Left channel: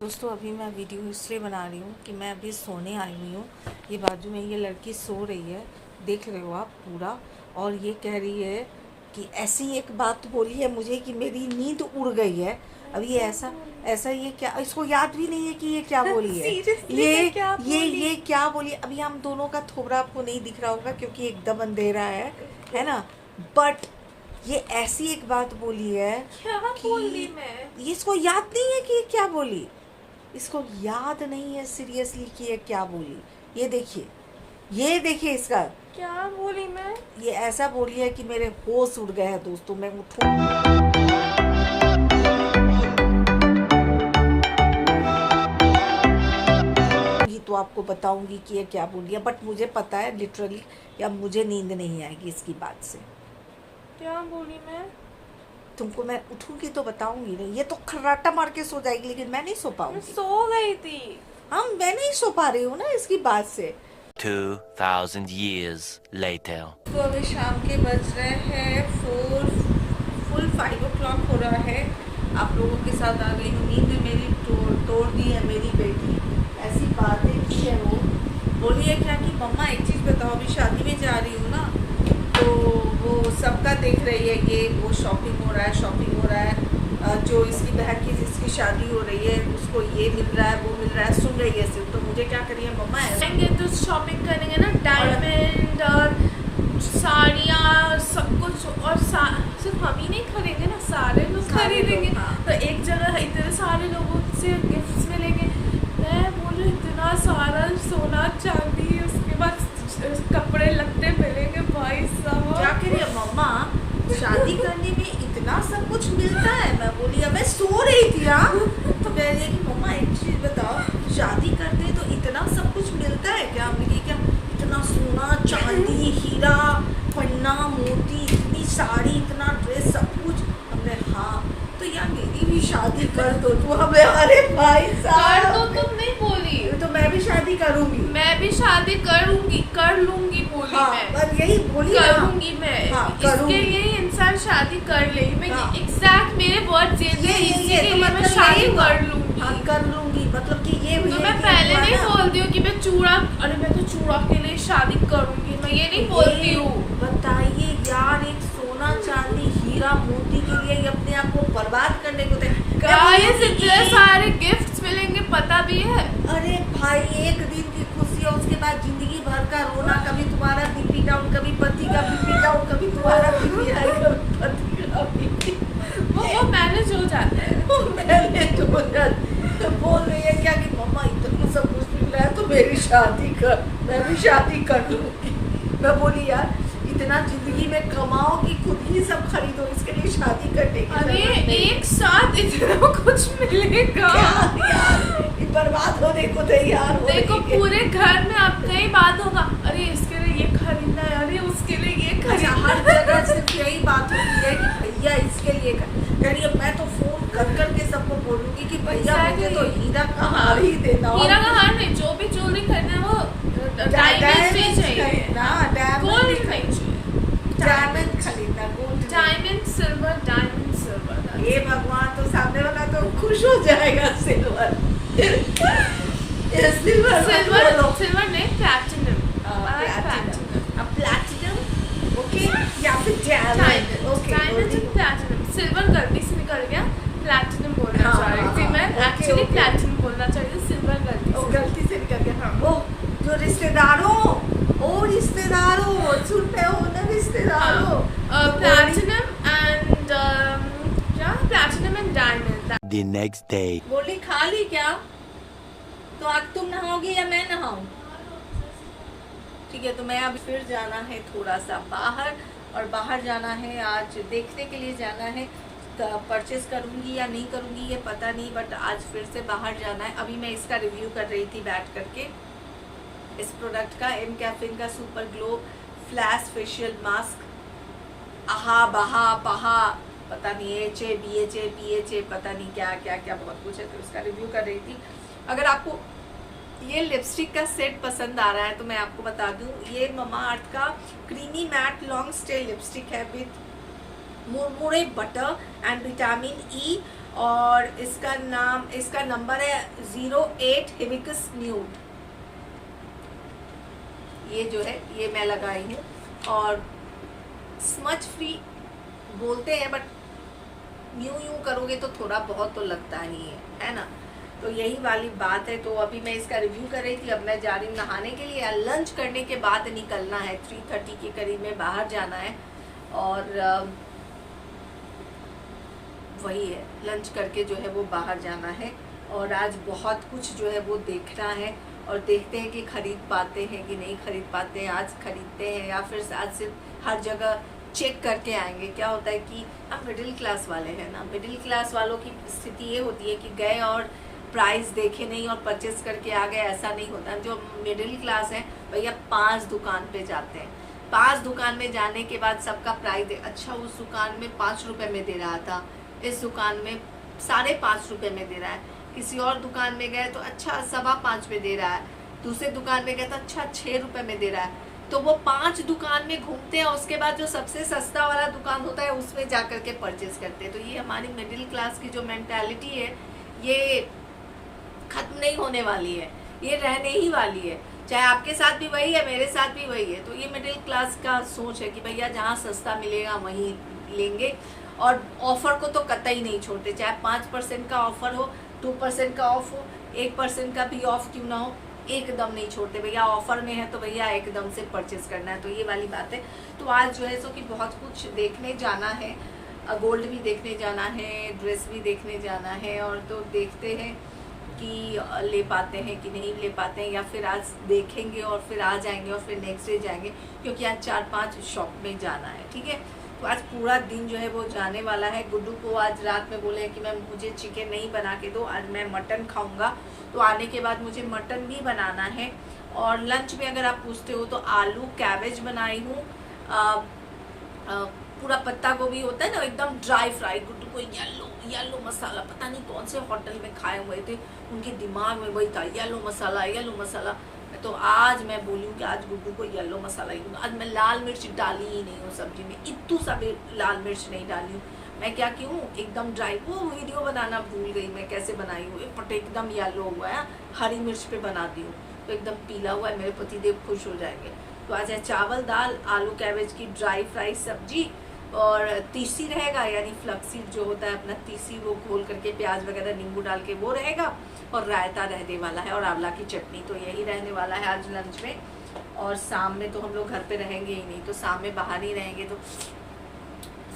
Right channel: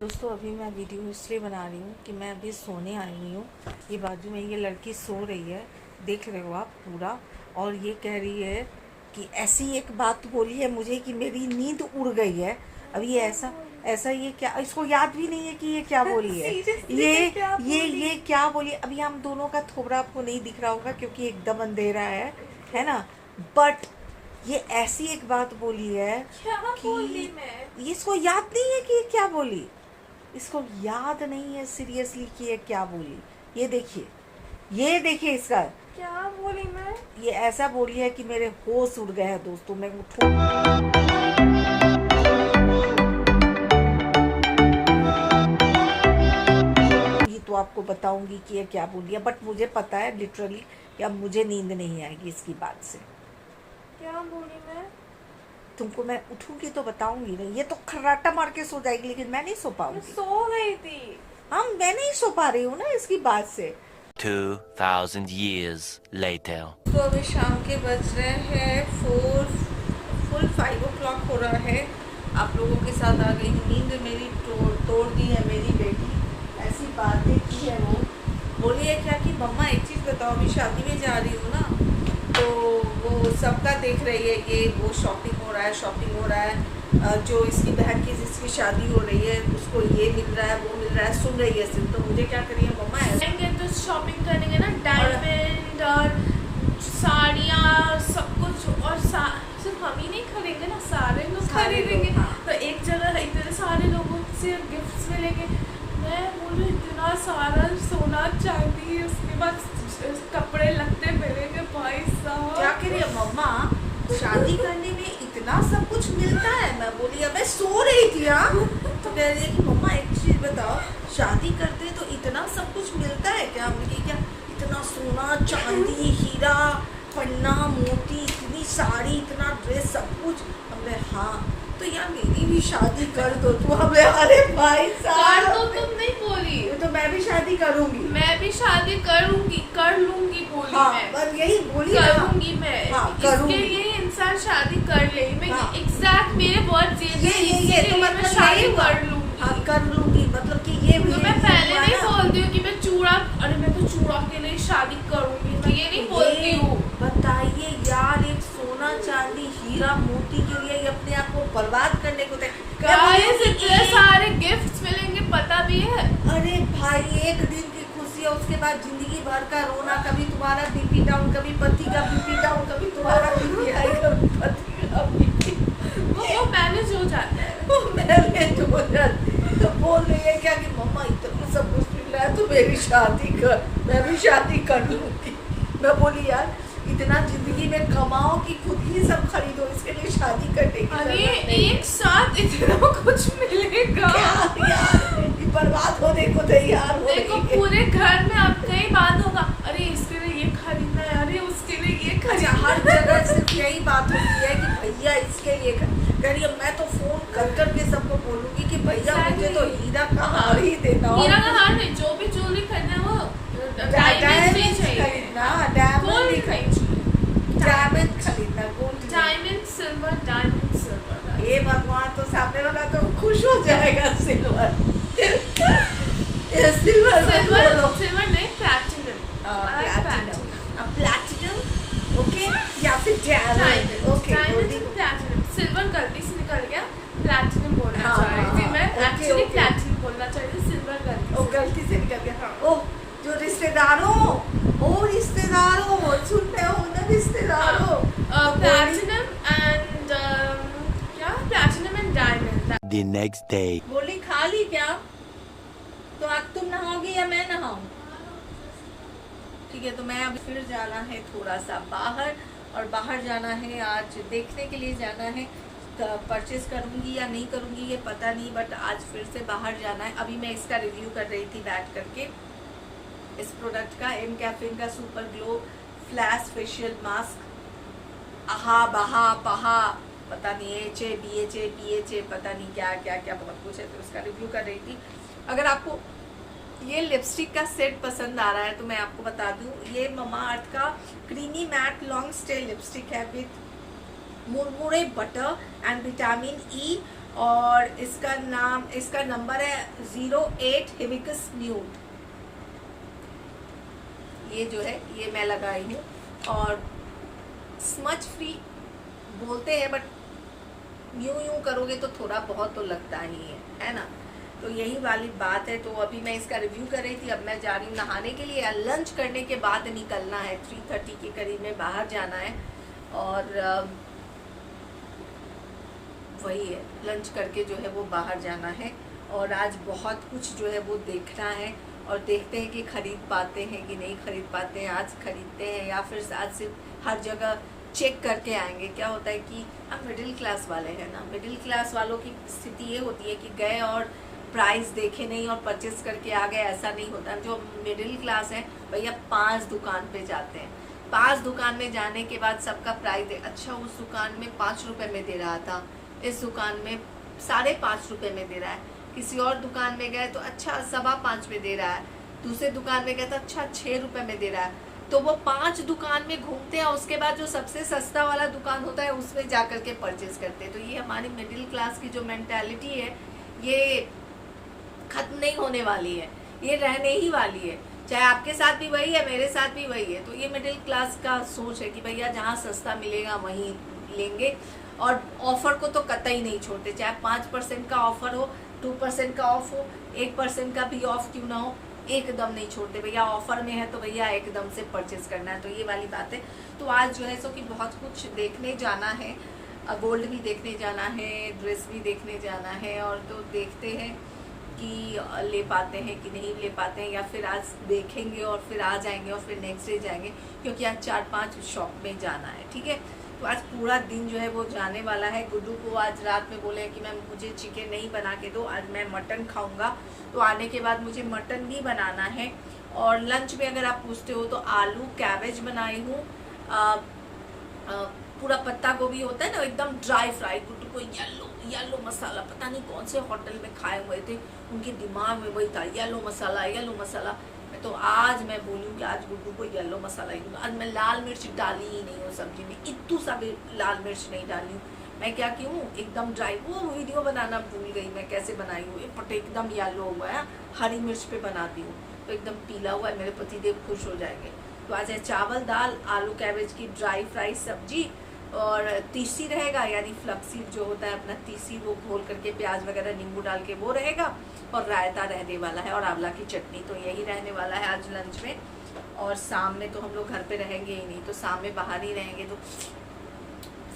दोस्तों अभी मैं वीडियो इसलिए बना रही हूँ कि मैं अभी सोने आई हुई हूँ। ये बाजू में ये लड़की सो रही है, देख रहे हो आप पूरा। और ये कह रही है कि ऐसी एक बात बोली है मुझे कि मेरी नींद उड़ गई है। अब ये ऐसा ऐसा ये क्या, इसको याद भी नहीं है कि ये क्या बोली है। ये क्या बोली। अभी हम दोनों का थोबड़ा आपको नहीं दिख रहा होगा क्योंकि एकदम अंधेरा है ना। बट ये ऐसी एक बात बोली है कि ये इसको याद नहीं है कि ये क्या बोली। इसको याद नहीं है सीरियसली कि ये क्या बोली। ये देखिए इसका क्या बोली मैं। ये ऐसा बोली है कि मेरे होश उड़ गए हैं। दोस्तों मैं उठूं, ये तो आपको बताऊंगी कि ये क्या बोली है। बट मुझे पता है लिटरली कि अब मुझे नींद नहीं आएगी इसकी बात से। क्या बोली मैं। तुमको मैं उठूंगी तो बताऊंगी नहीं। ये तो खर्राटा मार के सो जाएगी लेकिन मैं नहीं सो मैं पाऊंगी। सो गई थी। मैं नहीं सो पा रही हूँ ना इसकी बात से। 2000 years later. तो अभी शाम के बज रहे हैं 5 o'clock हो रहा है। आप लोगों के साथ आ गई हूँ। नींद मेरी तोड़ दी है मेरी बेटी। ऐसी बातें की है वो। बोली है क्या कि मम्मा एक चीज़ बताओ, अभी शादी में जा रही हूँ ना तो वो सबका देख रही है, ये वो शॉपिंग हो रहा है जो इसकी बहन की जिसकी शादी हो रही है उसको ये मिल रहा है वो मिल रहा है, सुन रही है सिर्फ। तो मुझे क्या करिए मम्मा जाएंगे तो शॉपिंग करेंगे ना, डायमंड और साड़ियाँ सब कुछ। और सिर्फ हम ही नहीं खरीदेंगे ना, सारे लोग खरीदेंगे। हाँ। तो एक जगह इतने सारे लोगों से गिफ्ट्स मिलेंगे। मैं बोलूँ इतना सारा सोना चांदी, उसके बाद कपड़े लगते मिलेंगे भाई साहब। क्या करिए मम्मा, शादी करने में इतना सब कुछ मिलता है। मैं बोली अब मैं सो रही थी। हाँ तो कह रही है कि मम्मा एक चीज बताओ, शादी करते तो इतना सब कुछ मिलता है क्या। मुझे क्या इतना सोना चांदी हीरा पन्ना मोती, इतनी साड़ी, इतना ड्रेस, सब कुछ। हमने हाँ तो यार मेरी भी शादी कर दो तू। हमें अरे भाई साहब तो तुम नहीं बोली तो मैं भी शादी करूंगी, मैं भी शादी करूंगी, कर लूंगी बोली। हाँ मैं बस यही बोली ना। करूंगी मैं। हाँ करूंगी। इसके लिए इंसान शादी कर ले। मैं हाँ। एग्जैक्ट मेरे वर्ड ये तो मतलब मैं शादी यही हुआ। कर लूंगी। हाँ कर लूंगी मतलब कि ये हुई तो मैं पहले नहीं बोलती हूँ कि मैं चूड़ा, अरे मैं तो चूड़ा के लिए शादी करूंगी, मैं ये नहीं बोलती हूँ। बताइए यार, एक सोना चांदी हीरा मोती के लिए ये अपने आप को बर्बाद करने को गाइस इतने सारे गिफ्ट्स मिलेंगे, पता भी है। अरे भाई एक दिन की खुशी है, उसके बाद जिंदगी भर का रोना। कभी तुम्हारा बीपी डाउन, कभी पति का बीपी डाउन, कभी तुम्हारा बीपी हाई, कभी पति का बीपी। वो मैनेज हो जाता है। मैनेज हो जाती। तो बोल रही है क्या कि मम्मा इतना सब कुछ मिल रहा है तो मेरी शादी कर, मैं भी शादी कर लूंगी। मैं बोली यार इतना जिंदगी में कमाओ कि खुद ही सब खरीदो, इसके लिए शादी करने की अरे जरूरत नहीं। एक साथ इतना कुछ मिलेगा यार ये बर्बाद होने को तैयार हो रही देखो है। पूरे घर में आपका ही बात होगा, अरे इसके लिए ये खरीदना है, अरे उसके लिए ये अच्छा खरीदना हर जगह सिर्फ यही बात होती है कि भैया इसके लिए यानी अब मैं तो फोन कर करके सबको बोलूंगी कि भैया मुझे तो हीरा का हार ही देना। हीरा का हार नहीं, जो भी ज्वेलरी खरीदना वो डायमंड ही चाहिए, गोल्ड डायमंड खरीदना, gold diamond silver, diamond silver. ये भगवान तो सामने वाला तो खुश हो जाएगा। सिल्वर सिल्वर सिल्वर नहीं, प्लैटिनम। प्लैटिनम ओके, या फिर diamond okay. Diamond and platinum, silver गलती से निकल गया, प्लैटिनम बोलना हाँ, चाह रही थी हाँ, मैं। Okay, actually okay. प्लैटिनम बोलना चाह रही थी, सिल्वर गलती से निकल गया। हाँ। ओ जो रिश्तेदारों सुन रहे हो ना रिश्तेदारों, प्लैटिनम एंड क्या, platinum and diamond. The next day. बोली खा ली क्या, तो आज तुम नहाओगी या मैं नहाऊं। ठीक है तो मैं अभी फिर जाना है थोड़ा सा बाहर, और बाहर जाना है आज देखने के लिए जाना है। परचेज करूंगी या नहीं करूंगी ये पता नहीं, बट आज फिर से बाहर जाना है। अभी मैं इसका रिव्यू कर रही थी बैठ करके, इस प्रोडक्ट का, एम कैफीन का super glow flash facial mask. आहा बहा पहा पता नहीं, H A B H A P H A पता नहीं क्या क्या क्या बहुत कुछ है, तो उसका रिव्यू कर रही थी। अगर आपको ये लिपस्टिक का सेट पसंद आ रहा है तो मैं आपको बता दूं, ये ममा अर्थ का creamy mat long stay lipstick है विथ मुरमुरे बटर एंड विटामिन ई और इसका नंबर है 08 हिबिकस न्यूड। ये जो है ये मैं लगाई हूँ, और स्मच फ्री बोलते हैं बट यूं करोगे तो थोड़ा बहुत तो लगता ही है ना। तो यही वाली बात है। तो अभी मैं इसका रिव्यू कर रही थी, अब मैं जा रही हूँ नहाने के लिए। लंच करने के बाद निकलना है, 3:30 के करीब में बाहर जाना है, और वही है, लंच करके जो है वो बाहर जाना है। और आज बहुत कुछ जो है वो देखना है, और देखते हैं कि खरीद पाते हैं कि नहीं खरीद पाते हैं। आज खरीदते हैं या फिर आज सिर्फ हर जगह चेक करके आएंगे। क्या होता है कि हम मिडिल क्लास वाले हैं ना, मिडिल क्लास वालों की स्थिति ये होती है कि गए और प्राइस देखे नहीं और परचेस करके आ गए, ऐसा नहीं होता। जो मिडिल क्लास है भैया 5 दुकान पे जाते हैं, 5 दुकान में जाने के बाद सबका प्राइस अच्छा, उस दुकान में 5 रुपए में दे रहा था, इस दुकान में 5.5 रुपए में दे रहा है, किसी और दुकान में गए तो अच्छा 5.25 में दे रहा है, दूसरे दुकान में गए तो अच्छा 6 रुपए में दे रहा है। तो वो 5 दुकान में घूमते हैं, उसके बाद जो सबसे सस्ता वाला दुकान होता है उसमें जाकर के परचेस करते हैं। तो ये हमारी मिडिल क्लास की जो मेंटालिटी है ये खत्म नहीं होने वाली है, ये रहने ही वाली है। चाहे आपके साथ भी वही है, मेरे साथ भी वही है। तो ये मिडिल क्लास का सोच है कि भैया जहाँ सस्ता मिलेगा वहीं लेंगे, और ऑफर को तो कतई नहीं छोड़ते। चाहे 5% का ऑफर हो, 2% का ऑफ हो, 1% का भी ऑफ क्यों ना हो, एकदम नहीं छोड़ते। भैया ऑफर में है तो भैया एकदम से परचेस करना है। तो ये वाली बात है। तो आज जो है सो कि बहुत कुछ देखने जाना है, गोल्ड भी देखने जाना है, ड्रेस भी देखने जाना है, और तो देखते हैं कि ले पाते हैं कि नहीं ले पाते हैं, या फिर आज देखेंगे और फिर आ जाएंगे और फिर नेक्स्ट डे जाएंगे, क्योंकि आज 4-5 शॉप में जाना है। ठीक है, तो आज पूरा दिन जो है वो जाने वाला है। गुड्डू को आज रात में बोले कि मैं मुझे चिकन नहीं बना के दो, आज मैं मटन खाऊंगा। तो आने के बाद मुझे मटन भी बनाना है। और लंच में अगर आप पूछते हो तो आलू कैबेज बनाई हूँ, पूरा पत्ता गोभी होता है ना एकदम ड्राई फ्राई। गुड्डू को येलो मसाला, पता नहीं कौन से होटल में खाए हुए थे, उनके दिमाग में वही था येलो मसाला। तो आज मैं बोली हूँ कि आज गुड्डू को येलो मसाला ही दूंगा। आज मैं लाल मिर्च डाली ही नहीं हूँ सब्जी में, इतू सा भी लाल मिर्च नहीं डाली हूँ। मैं क्या की हूँ एकदम ड्राई, वो वीडियो बनाना भूल गई मैं कैसे बनाई हूँ। बट एकदम येलो हुआ है, हरी मिर्च पे बनाती हूँ तो एकदम पीला हुआ है, मेरे पतिदेव खुश हो जाएंगे। तो आज है चावल दाल आलू कैबेज की ड्राई फ्राई सब्जी, और तीसी रहेगा यानी फ्लक्सीड जो होता है अपना तीसी, वो घोल करके प्याज वगैरह नींबू डाल के वो रहेगा, और रायता रहने वाला है, और आंवला की चटनी। तो यही रहने वाला है आज लंच में। और शाम में तो हम लोग घर पे रहेंगे ही नहीं, तो शाम में बाहर ही रहेंगे, तो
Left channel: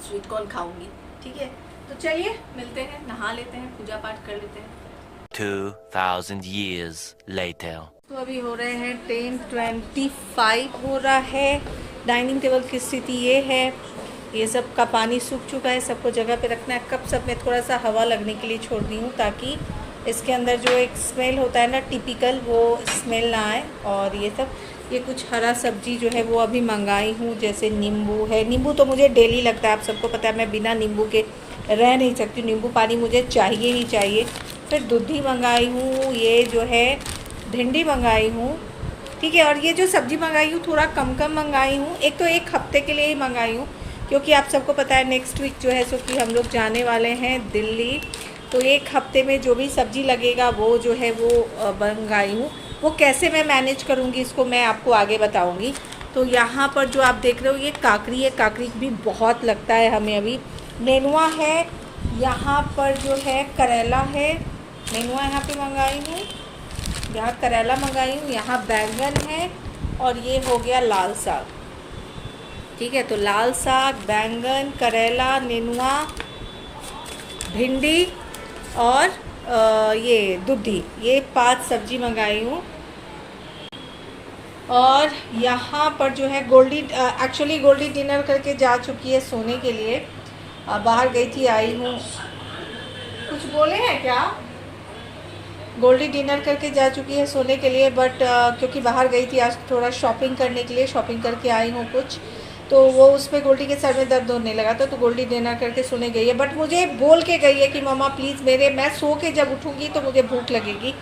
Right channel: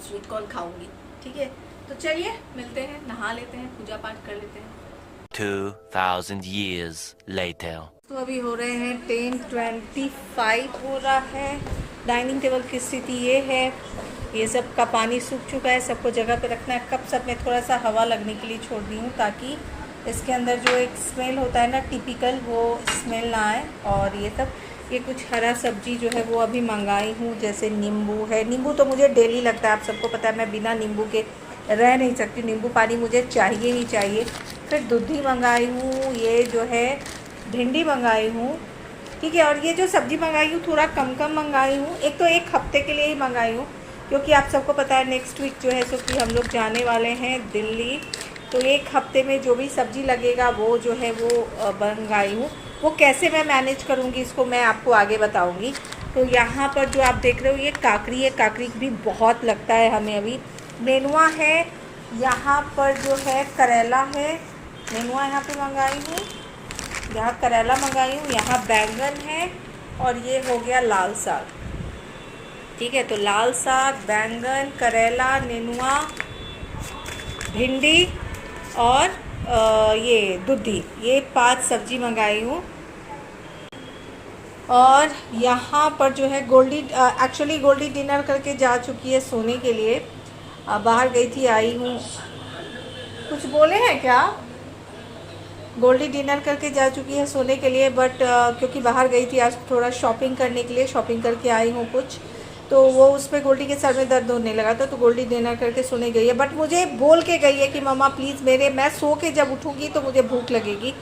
स्वीट कॉर्न खाऊंगी। ठीक है, तो चलिए मिलते हैं, नहा लेते हैं, पूजा पाठ कर लेते हैं। 2000 years later. तो अभी हो रहे हैं 10:25 हो रहा है। डाइनिंग टेबल की स्थिति ये है, ये सब का पानी सूख चुका है, सबको जगह पे रखना है। कप सब में थोड़ा सा हवा लगने के लिए छोड़ दी हूँ, ताकि इसके अंदर जो एक स्मेल होता है ना टिपिकल, वो स्मेल ना आए। और ये कुछ हरा सब्जी जो है वो अभी मंगाई हूँ, जैसे नींबू है। नींबू तो मुझे डेली लगता है, आप सबको पता है मैं बिना नींबू के रह नहीं सकती, नींबू पानी मुझे चाहिए ही चाहिए। फिर दूधी मंगाई हूँ, ये जो है भिंडी मंगाई हूँ। ठीक है, और ये जो सब्जी मंगाई हूँ थोड़ा कम मंगाई हूँ। एक तो 1 हफ्ते के लिए ही मंगाई हूँ, क्योंकि आप सबको पता है नेक्स्ट वीक जो है सो कि हम लोग जाने वाले हैं दिल्ली। तो 1 हफ्ते में जो भी सब्जी लगेगा वो जो है वो मंगाई हूँ। वो कैसे मैं मैनेज करूँगी इसको मैं आपको आगे बताऊँगी। तो यहाँ पर जो आप देख रहे हो ये काकड़ी है, काकड़ी भी बहुत लगता है हमें। अभी नेनुआ है, यहाँ पर जो है करेला है, नेनुआ यहाँ पे मंगाई हूँ, यहाँ करेला मंगाई हूँ, यहाँ बैंगन है, और ये हो गया लाल साग। ठीक है, तो लाल साग, बैंगन, करेला, नेनुआ, भिंडी और ये दूधी, ये 5 सब्जी मंगाई हूँ। और यहाँ पर जो है एक्चुअली गोल्डी डिनर करके जा चुकी है सोने के लिए। बाहर गई थी, आई हूँ। कुछ बोले हैं क्या? गोल्डी डिनर करके जा चुकी है सोने के लिए, बट क्योंकि बाहर गई थी आज थोड़ा शॉपिंग करने के लिए, शॉपिंग करके आई हूँ कुछ, तो वो उस पर गोल्डी के सर में दर्द होने लगा था, तो गोल्डी डिनर करके सोने गई है। बट मुझे बोल के गई है कि मम्मा प्लीज़ मैं सो के जब उठूँगी तो मुझे भूख लगेगी।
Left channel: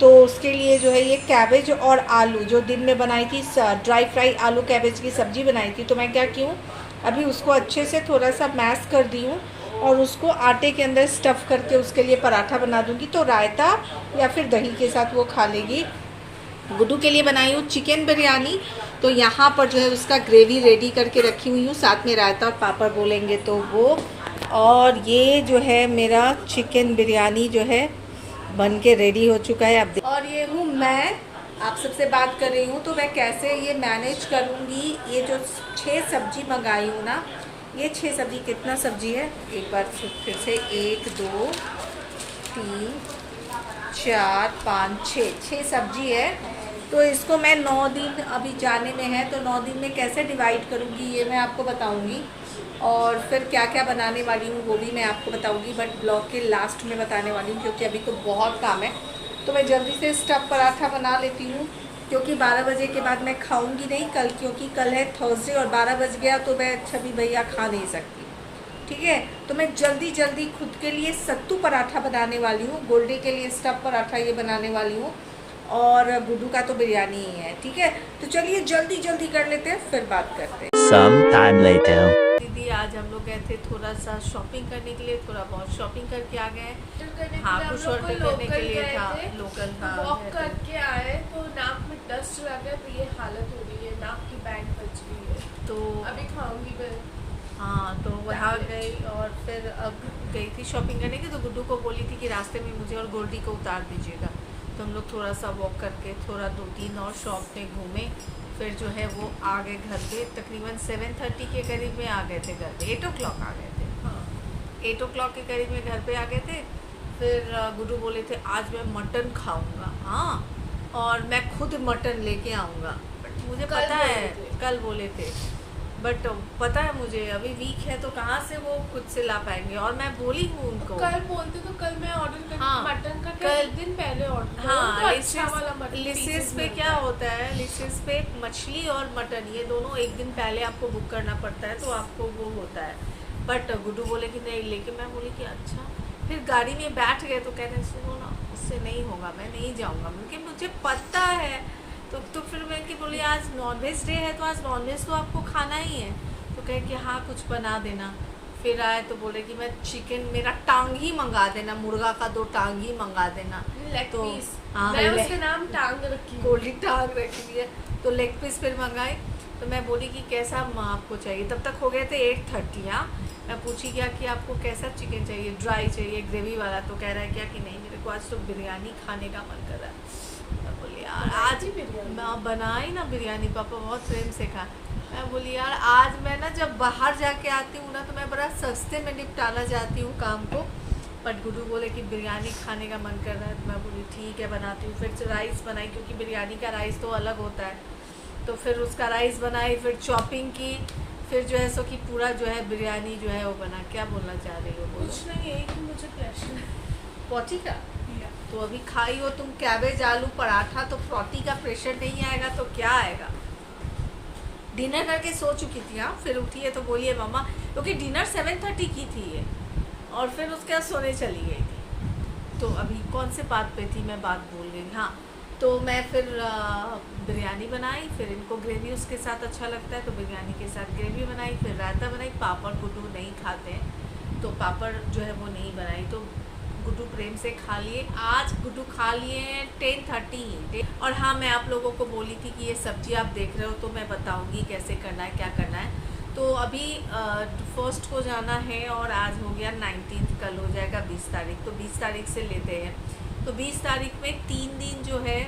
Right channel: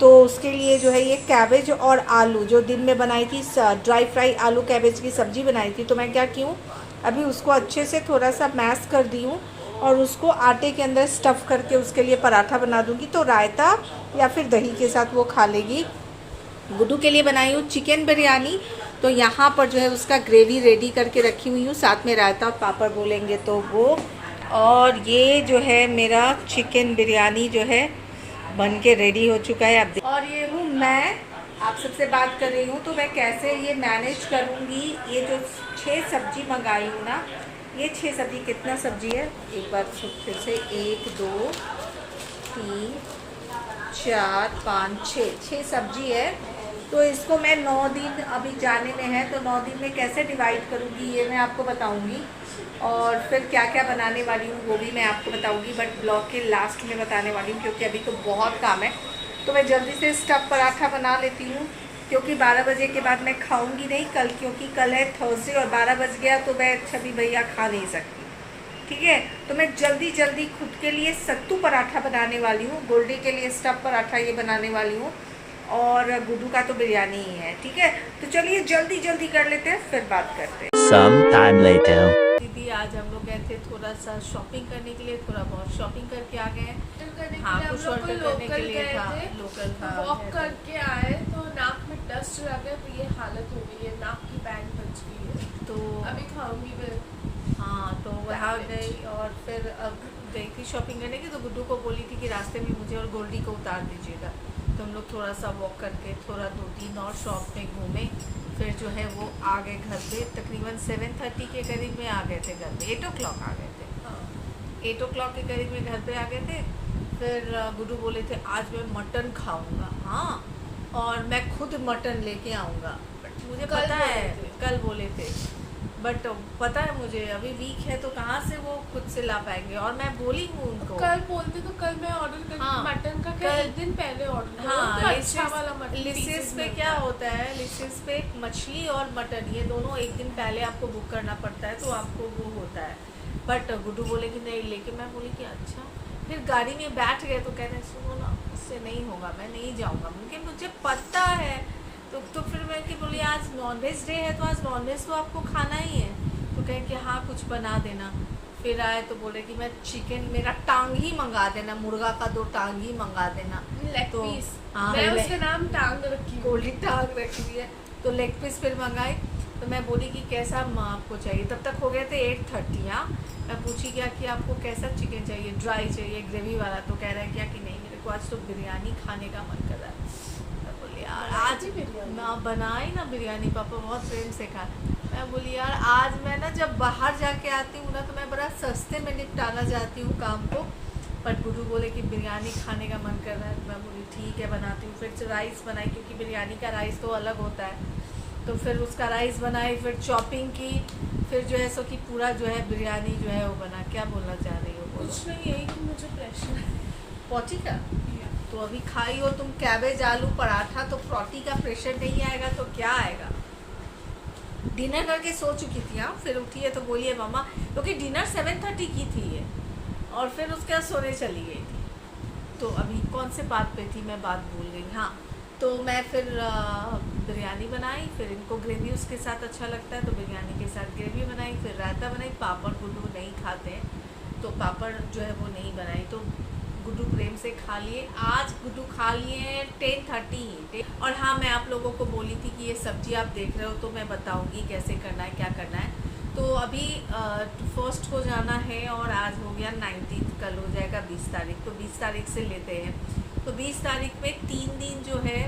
तो उसके लिए जो है ये कैबेज और आलू जो दिन में बनाई थी, ड्राई फ्राई आलू कैबेज की सब्जी बनाई थी, तो मैं क्या की हूँ अभी उसको अच्छे से थोड़ा सा मैश कर दी हूँ, और उसको आटे के अंदर स्टफ़ करके उसके लिए पराठा बना दूँगी। तो रायता या फिर दही के साथ वो खा लेगी। गुड्डू के लिए बनाई हूँ चिकन बिरयानी। तो यहाँ पर जो है उसका ग्रेवी रेडी करके रखी हुई हूँ, साथ में रायता और पापड़ बोलेंगे तो वो। और ये जो है मेरा चिकन बिरयानी जो है बन के रेडी हो चुका है अब। और ये हूँ मैं आप सबसे बात कर रही हूँ। तो मैं कैसे ये मैनेज करूँगी, ये जो 6 सब्जी मंगाई हूँ ना, ये 6 सब्जी, कितना सब्जी है एक बार फिर से, 1 2 3 4 5 6 सब्जी है। तो इसको मैं 9 दिन अभी जाने में है, तो 9 दिन में कैसे डिवाइड करूँगी ये मैं आपको बताऊँगी। और फिर क्या क्या बनाने वाली हूँ वो भी मैं आपको बताऊँगी, बट ब्लॉग के लास्ट में बताने वाली हूँ क्योंकि अभी तो बहुत काम है। तो मैं जल्दी से स्टफ़ पराठा बना लेती हूँ क्योंकि 12 बजे के बाद मैं खाऊंगी नहीं कल, क्योंकि कल है थर्सडे और 12 बज गया तो मैं छवि भैया खा नहीं सकती। ठीक है, तो मैं जल्दी जल्दी खुद के लिए सत्तू पराठा बनाने वाली हूँ, गोल्डी के लिए स्टफ़ पराठा ये बनाने वाली हूँ, और गुड्डू का तो बिरयानी ही है। ठीक है, तो चलिए जल्दी जल्दी कर लेते हैं, फिर बात करते हैं। Some time later. दीदी आज हम लोग गए थे थोड़ा सा शॉपिंग करने के लिए, थोड़ा बहुत शॉपिंग करके आ गए। हाँ, कुछ ऑर्डर करने के लिए था लोकल। हाँ, वॉक करके आए तो नाक में डस्ट लग गया, तो ये हालत हो गई है, नाक की बैंड बच गई है। तो अभी खाऊंगी मैं। हाँ, तो वहाँ गई और फिर अब गई थी शॉपिंग करने की। तो गुड्डू को बोली थी कि रास्ते में मुझे और गोल्डी को उतार दीजिएगा। तो हम लोग थोड़ा सा वॉक करके थोड़ा 2-3 और शॉप में घूमे, फिर जो है वो आ गए घर पे। तकरीबन 7:30 के करीब में आ गए थे घर पे, 8 o'clock आ गए थे। हाँ। 8 o'clock के करीब में घर पे आ गए थे। फिर गुड्डू बोले थे आज मैं मटन खाऊंगा। हाँ, और मैं खुद मटन लेके आऊँगा। बट मुझे पता है, कल बोले थे, बट पता है मुझे अभी वीक है तो कहाँ से वो खुद से ला पाएंगे। और मैं बोली हूँ उनको, कल बोलते तो कल मैं ऑर्डर कर। हाँ, मटन का कल एक दिन पहले ऑर्डर। हाँ, अच्छा वाला मटन लिसिस पे क्या होता है, लिसिस पे मछली और मटन ये दोनों एक दिन पहले आपको बुक करना पड़ता है, तो आपको वो होता है। बट गुड्डू बोले कि नहीं लेके, मैं बोली कि अच्छा। फिर गाड़ी में बैठ गए तो कह रहे सुनो ना, उससे नहीं होगा, मैं नहीं जाऊँगा, क्योंकि मुझे पता है। तो फिर मैं कि बोली आज नॉनवेज डे है तो आज नॉनवेज तो आपको खाना ही है। तो कहे कि हाँ कुछ बना देना। फिर आए तो बोले कि मैं चिकन, मेरा टांग ही मंगा देना, मुर्गा का 2 टांग ही मंगा देना। लेग तो पीस, हाँ, मैं उसका नाम टांग रखी, गोल्डी टांग रखी है। तो लेग पीस फिर मंगाई। तो मैं बोली कि कैसा आपको चाहिए, तब तक हो गए थे 8:30। हाँ, मैं पूछी क्या कि आपको कैसा चिकन चाहिए, ड्राई चाहिए, ग्रेवी वाला। तो कह रहा है क्या कि नहीं मेरे को आज तो बिरयानी खाने का मन कर रहा है। मैं बोली यार आज मैं बनाई ना बिरयानी, पापा बहुत प्रेम से खा। मैं बोली यार आज मैं ना जब बाहर जाके आती हूँ ना तो मैं बड़ा सस्ते में निपटाना चाहती हूँ काम को। बट गुड्डू बोले कि बिरयानी खाने का मन कर रहा है। तो मैं बोली ठीक है बनाती हूँ। फिर से राइस बनाई क्योंकि बिरयानी का राइस तो अलग होता है। तो फिर उसका राइस बनाई, फिर चॉपिंग की, फिर जो है सो कि पूरा जो है बिरयानी जो है वो बना। क्या बोलना चाह रही हो बोलो? कुछ नहीं, यही कि मुझे प्रेशर है पोटी का। तो अभी खाई हो तुम कैबेज आलू पराठा, तो फ्रॉटी का प्रेशर नहीं आएगा तो क्या आएगा। डिनर करके सो चुकी थी। हाँ, फिर उठी है तो बोलिए मम्मा, क्योंकि डिनर 7:30 की थी ये, और फिर उसके बाद सोने चली गई थी। तो अभी कौन से बात पे थी मैं, बात भूल गई। हाँ, तो मैं फिर बिरयानी बनाई, फिर इनको ग्रेवी उसके साथ अच्छा लगता है तो बिरयानी के साथ ग्रेवी बनाई, फिर रायता बनाई। पापड़ गुड्डू नहीं खाते हैं तो पापड़ जो है वो नहीं बनाई, तो गुड्डू प्रेम से खा लिए। आज गुड्डू खा लिए 10:30। और हाँ, मैं आप लोगों को बोली थी कि ये सब्जी आप देख रहे हो तो मैं बताऊंगी कैसे करना है, क्या करना है। तो अभी 1 को जाना है और आज हो गया 19, कल हो जाएगा 20 तारीख। तो 20 तारीख से लेते हैं। तो 20 तारीख में 3 दिन जो है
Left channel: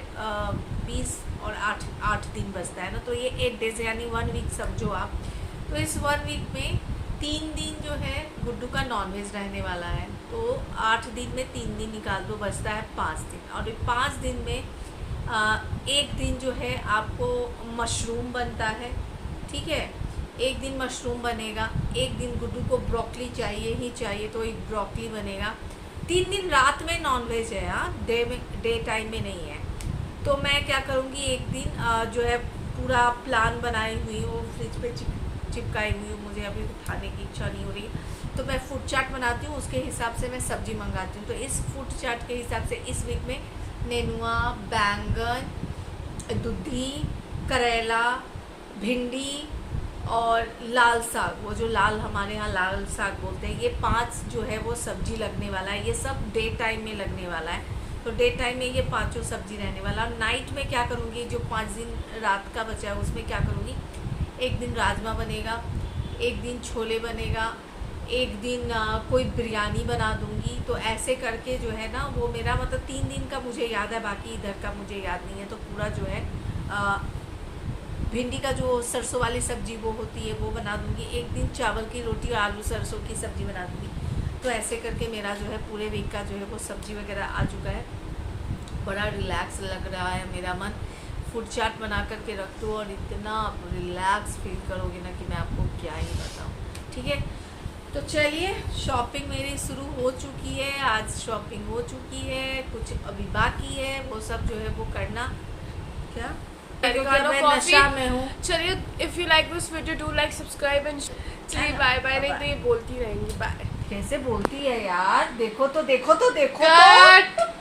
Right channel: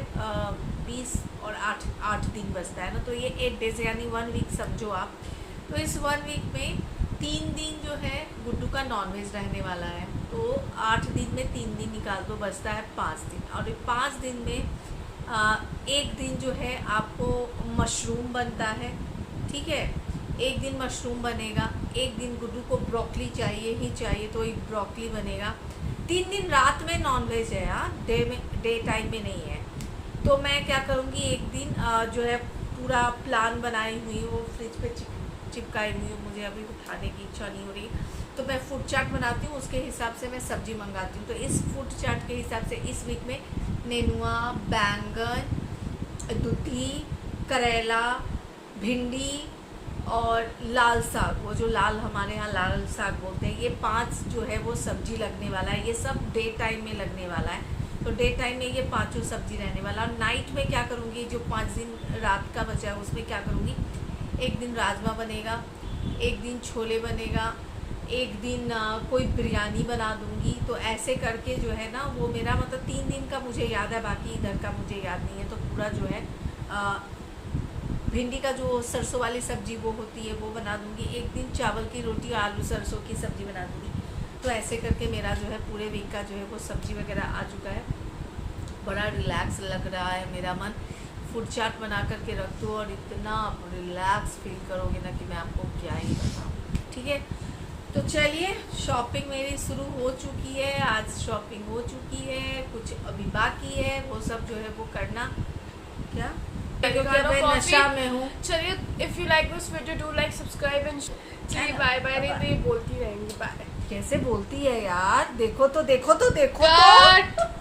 20 और 8 दिन बचता है ना, तो ये 8 डेज यानी 1 वीक समझो आप। तो इस 1 वीक में 3 दिन जो है गुड्डू का नॉनवेज रहने वाला है। तो 8 दिन में 3 दिन निकाल दो, बचता है 5 दिन। और 5 दिन में 1 दिन जो है आपको मशरूम बनता है। ठीक है, 1 दिन मशरूम बनेगा, 1 दिन गुड्डू को ब्रोकली चाहिए ही चाहिए तो एक ब्रोकली बनेगा। 3 दिन रात में नॉनवेज है। हाँ, डे टाइम में नहीं है। तो मैं क्या करूँगी, 1 दिन जो है पूरा प्लान बनाई हुई वो फ्रिज पे चिपकाई हुई हूँ, मुझे अभी उठाने की इच्छा नहीं हो रही। तो मैं फूड चाट बनाती हूँ, उसके हिसाब से मैं सब्जी मंगाती हूँ। तो इस फूड चाट के हिसाब से इस वीक में नेनुआ, बैंगन, दूधी, करेला, भिंडी और लाल साग, वो जो लाल हमारे यहाँ लाल साग बोलते हैं, ये 5 जो है वो सब्जी लगने वाला है। ये सब डे टाइम में लगने वाला है, तो डे टाइम में ये 5 सब्जी रहने वाला। और नाइट में क्या करूँगी, जो 5 दिन रात का बचा है उसमें क्या करूँगी, एक दिन राजमा बनेगा, एक दिन छोले बनेगा, एक दिन कोई बिरयानी बना दूँगी। तो ऐसे करके जो है ना वो मेरा मतलब 3 दिन का मुझे याद है, बाकी इधर का मुझे याद नहीं है। तो पूरा जो है भिंडी का जो सरसों वाली सब्जी वो होती है वो बना दूँगी, एक दिन चावल की रोटी और आलू सरसों की सब्जी बना दूँगी। तो ऐसे करके मेरा जो है पूरे वीक का जो है वो सब्जी वगैरह आ चुका है। बड़ा रिलैक्स लग रहा है मेरा मन। फूड चार्ट बना करके रख दो और इतना आप रिलैक्स फील करोगे ना कि मैं आपको क्या ही बताऊँ। ठीक है, तो चलिए, शॉपिंग मेरी शुरू हो चुकी है। आज शॉपिंग हो चुकी है, कुछ अभी बाकी है, वो सब जो है वो करना। क्या, क्योंकि मैं नशा में हूँ। चलिए, if you like this video do like subscribe and चलिए बाय बाय। नहीं तो ये बोलती रहेंगी बाय। कैसे बोलती है यार, देखो तो देखो तो देखो तो।